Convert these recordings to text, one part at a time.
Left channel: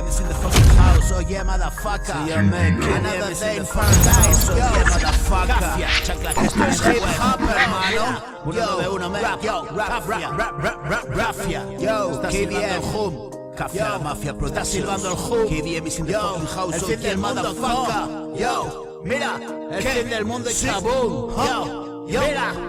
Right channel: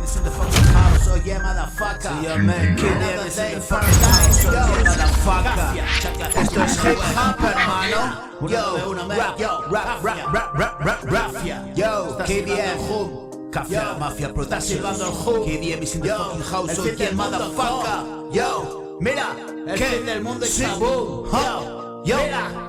KDM's in the fucking house, oh yeah, motherfucker. Yeah, man, another day for nice, oh yeah, motherfucker. Esto es hip hop, hermano. Yo, rap, yo, KDM, Hum, Café Mafia, pero está silbando el Hum. KDM's in the fucking house, oh yeah, motherfucker. Yo, mira, que en el mundo es boom, yo,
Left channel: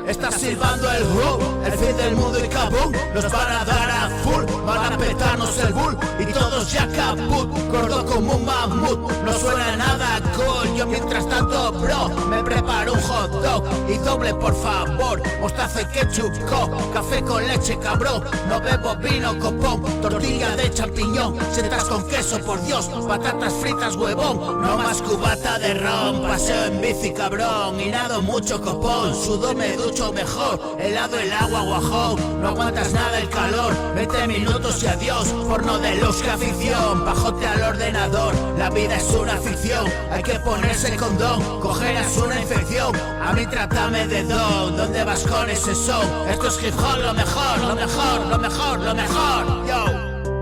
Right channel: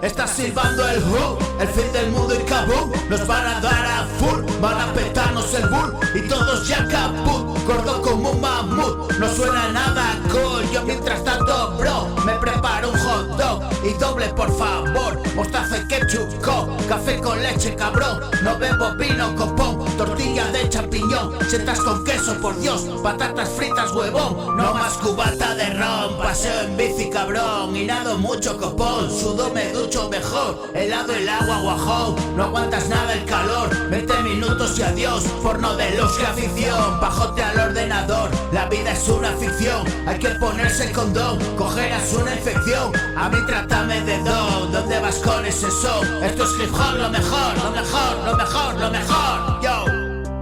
está silbando el Hum, el fin del mundo y kaboom. Nos van a dar a full, van a petarnos el bull y todos ya caput, gordo como un mamut. No suena nada cool, yo mientras tanto, bro, me preparo un hot dog y doble por favor, mostaza y ketchup, café con leche, cabrón. No bebo vino, copón, tortilla de champiñón, setas con queso, por Dios, patatas fritas, huevón. No más cubata de ron, paseo en bici, cabrón, y nado mucho copón. Sudo, me ducho mejor, helado el agua, guajón. No aguantas nada el calor, 20 minutos y adiós. Porno de luz y afición, bajote al ordenador. La vida es una ficción, hay que ponerse condón. Cogerás una infección, a mí trátame de don. ¿Dónde vas con ese son? Esto es hip hop, lo mejor, lo mejor, lo mejor, lo mejor. Yo,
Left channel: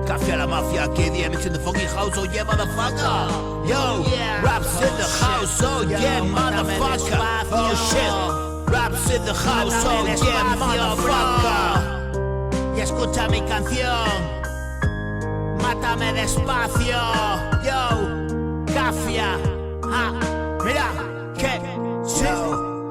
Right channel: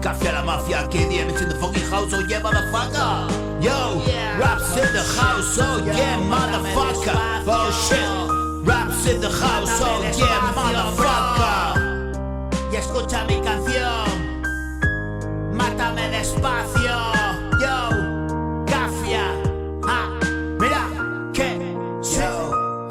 Café La Mafia, KDM's in the fucking house, oh yeah, motherfucker. Yo, raps in the house, oh yeah, motherfucker. Oh shit, raps in the house, oh yeah, motherfucker. Y escucha mi canción, mátame despacio. Yo, Cafia, mira, ¿qué?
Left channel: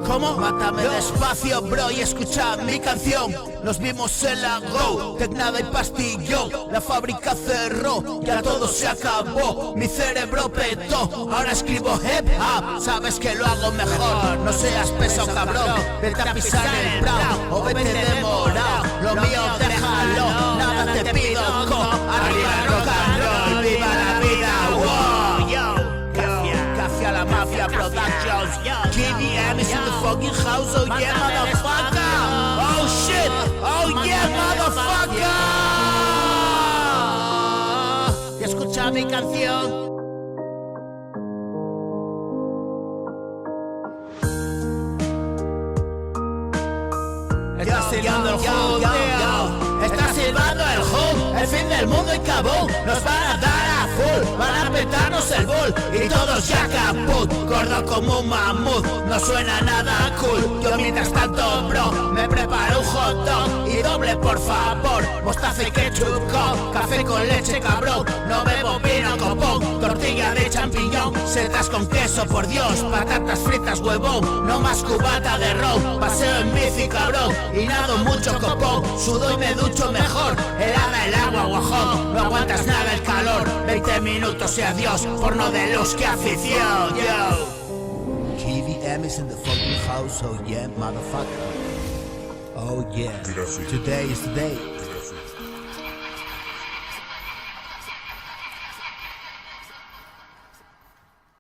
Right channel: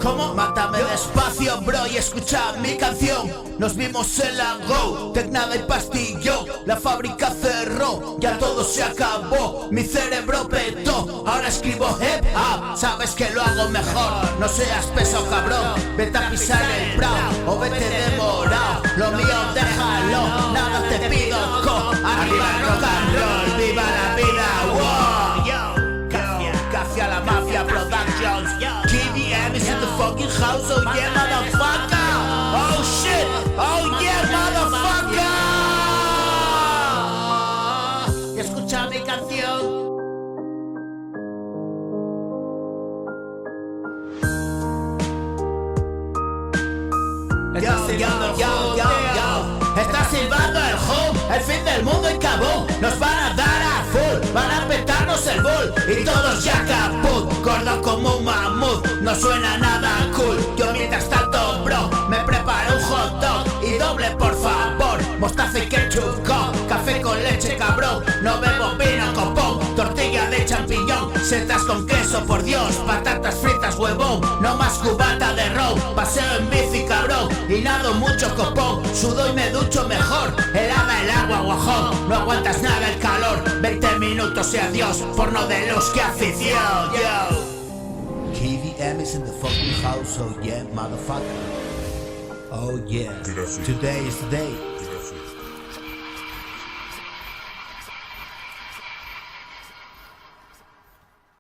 ¿Cómo? Mátame despacio, bro, y escucha mi canción. Nos vimos en la Go, Tecna de pastillón. La fábrica cerró, ya todo se acabó. Mi cerebro petó, ahora escribo hip hop. Sabes que lo hago mejor, no seas peso, cabrón. Vete a pisar el brown, o vete de morado. Lo mío déjalo, nada te pido, arriba el rock and roll, viva la vida, wow. Yo, Café La Mafia Productions. KDM's in the fucking house, oh yeah, motherfucker. Oh shit, oh yeah, motherfucker. Escucha mi canción. Está silbando el Hum, está silbando el Hum, el fin del mundo y cabum. Nos van a dar a full, van a petarnos el bull y todos ya caput, gordo como un mamut. No suena nada cool, yo mientras tanto, bro, me preparo un hot dog y doble por favor, mostaza y ketchup, café con leche, cabrón. No bebo vino, copón, tortilla de champiñón, setas con queso, por Dios, patatas fritas, huevón. No más cubata de ron, paseo en bici, cabrón, y nado mucho copón. Sudo y me ducho mejor, helada el agua, guajón. No aguantas nada el calor, 20 minutos y adiós. Porno de luz, que afición, yo. KDM's in the fucking house, oh yeah, motherfucker. Oh yeah, Gracias. today is the day.